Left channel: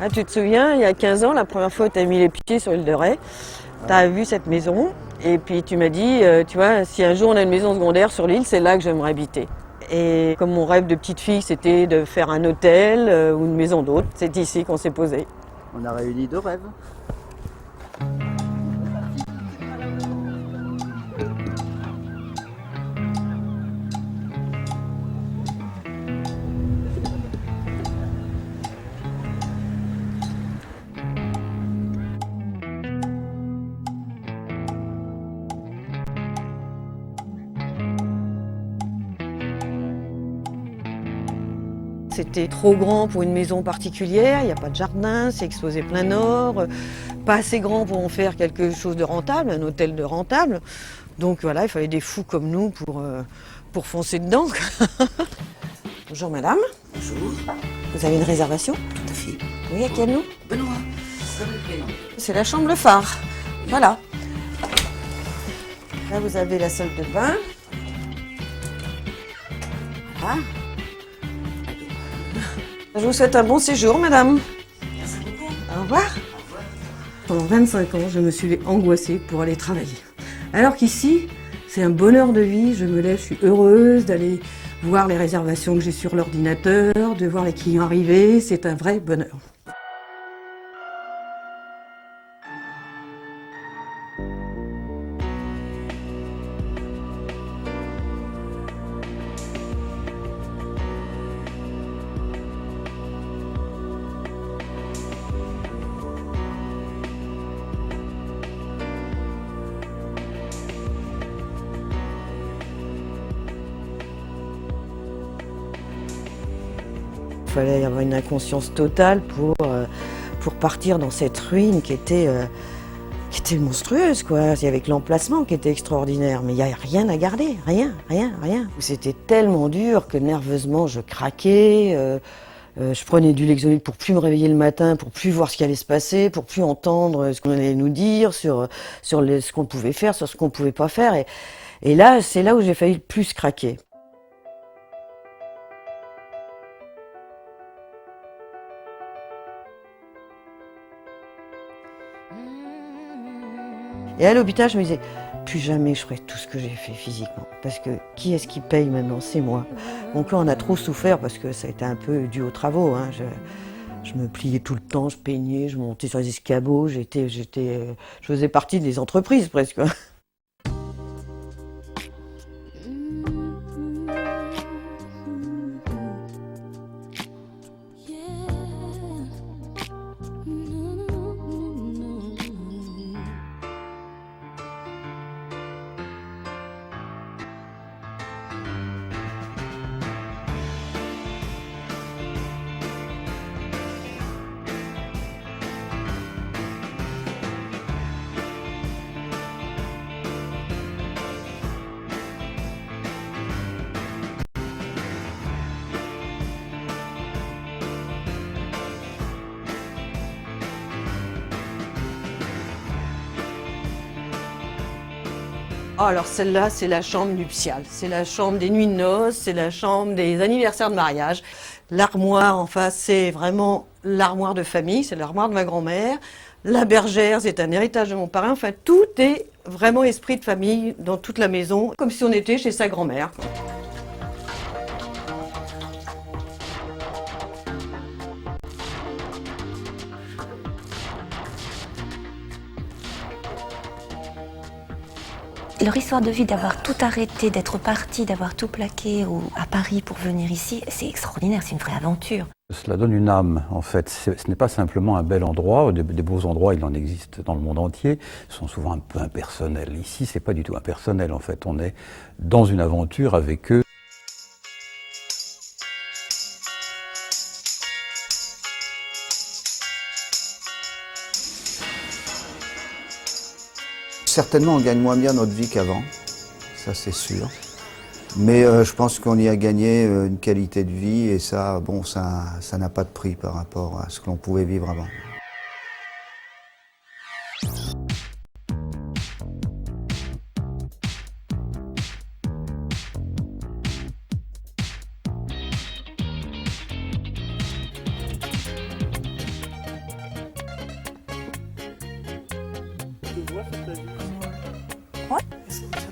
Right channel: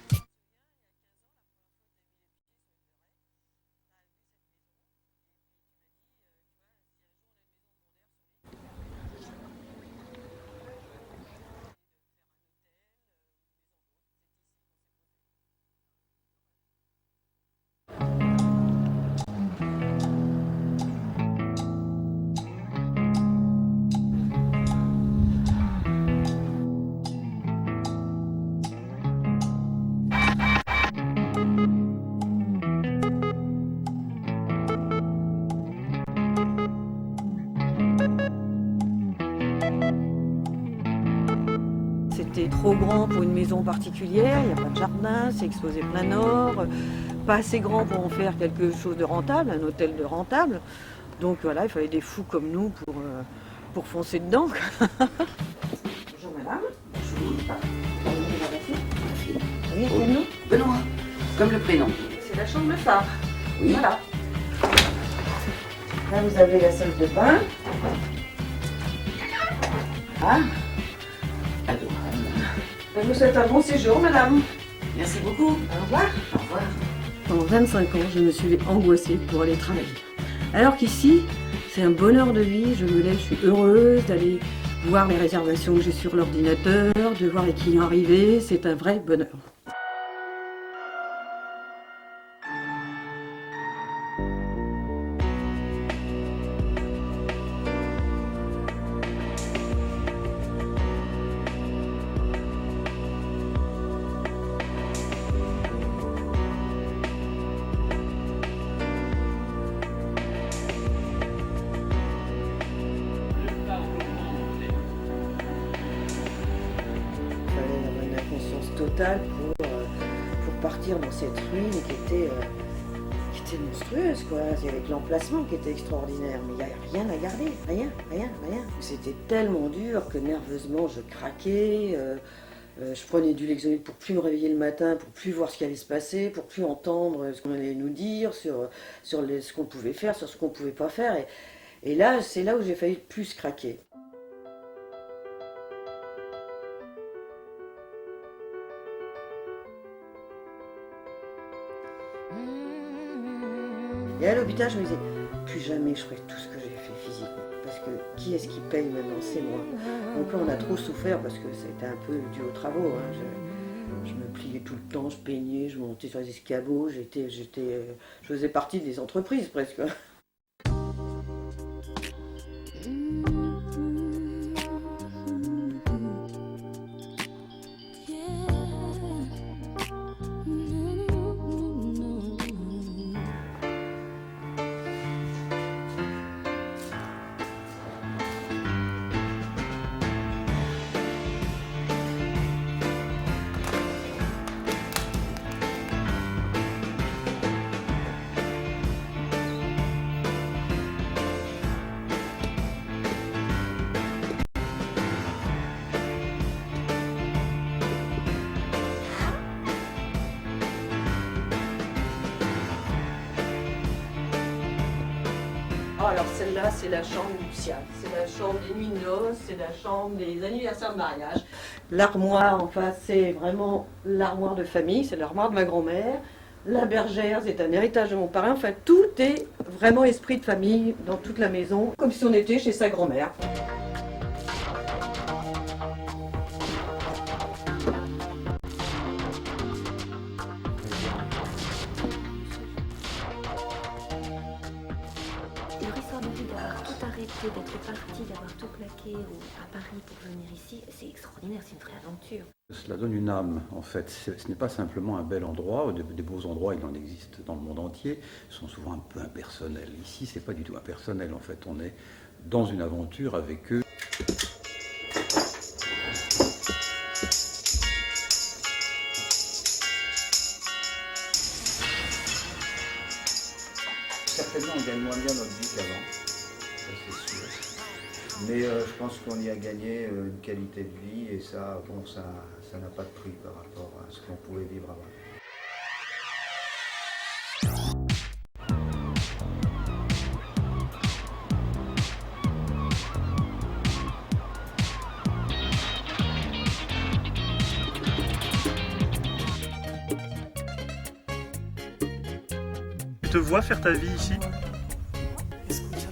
Ah, tu te souviens, il y a 15 ans, la première fois où tu as mis les pieds sur l'île de Ré, tu as vu cette maison et puis tu m'as dit, tu vois, si un jour on a une maison secondaire sur l'île, c'est là que j'aimerais habiter. Et comme mon rêve de petite fille, c'était de faire un hôtel ou une maison d'hôte, c'est ici qu'on s'est posé. On a réuni deux rêves. C'était trop grand pour une maison particulière, il n'y a pas de jardin, c'est exposé plein nord, pas assez grand pour en faire quelque chose de rentable, un hôtel de rentable. Donc voilà, il fallait des fous comme nous pour foncer dedans. Bonjour madame. Bonjour. Vous avez une réservation? Tout à fait. Oui, à quel nom? Benoît, comme le prénom. C'est la chambre Le Phare. Oui. Voilà. Là, vous avez la salle de bain. Ah, Je vous souhaite un bon séjour, madame. merci beaucoup. Au revoir. Au revoir. Pendant 25 ans, je me suis angoissée pour aller travailler. Alors qu'ici, c'est un bonheur de vie. Je me lève, je suis heureuse d'aller voir les réservations que j'ai sur l'ordinateur, de voir les clients arriver. C'est un vrai bonheur. Il fallait avoir une inconscience totale pour partir dans cette ruine qui était monstrueuse, quoi. Avec l'emplacement qui était extraordinaire. Mais il n'y a rien à garder, rien. C'était tellement dur que nerveusement je craquais. Je prenais du Lexolid pour plus me réveiller le matin, pour plus voir ce qui allait se passer, pour plus entendre ce qu'on allait nous dire sur ce qu'on pouvait faire, sur ce qu'on pouvait pas faire. Et là, c'est là où j'ai failli le plus craquer. Et à l'hôpital, je me disais, plus jamais je ferai tout ce que j'ai fait physiquement. Parce que qui est-ce qui paye maintenant? C'est moi. Mon cœur en a trop souffert parce que ça a été un peu dû aux travaux. Hein. Je me pliais tout le temps, je peignais, je montais sur les escabeaux, je faisais partie des entreprises presque. Oh, alors celle-là, c'est la chambre nuptiale. C'est la chambre des nuits de noces, c'est la chambre des anniversaires de mariage. L'armoire en face, c'est vraiment l'armoire de famille, c'est l'armoire de ma grand-mère. La bergère, c'est un héritage de mon parrain. Enfin, tout est vraiment esprit de famille dans toute la maison, comme si on était chez sa grand-mère. Leur histoire de vie, d'avoir tout arrêté, d'être parti, d'avoir tout plaqué à Paris pour venir ici, c'est extraordinaire, c'est une vraie aventure. Cela donne une âme, en fait. Ce n'est pas simplement un bel endroit, des beaux endroits, il en existe dans le monde entier, ils sont souvent un peu impersonnels. Ici, c'est pas du tout impersonnel, en fait. On est dans une aventure avec eux. Certainement, on gagne moins bien notre vie qu'avant, ça c'est sûr. Mais je pense qu'on y a gagné une qualité de vie et ça, bon, ça n'a pas de prix par rapport à ce que l'on pouvait vivre avant. Tu te vois faire ta vie ici? Ouais. Est-ce que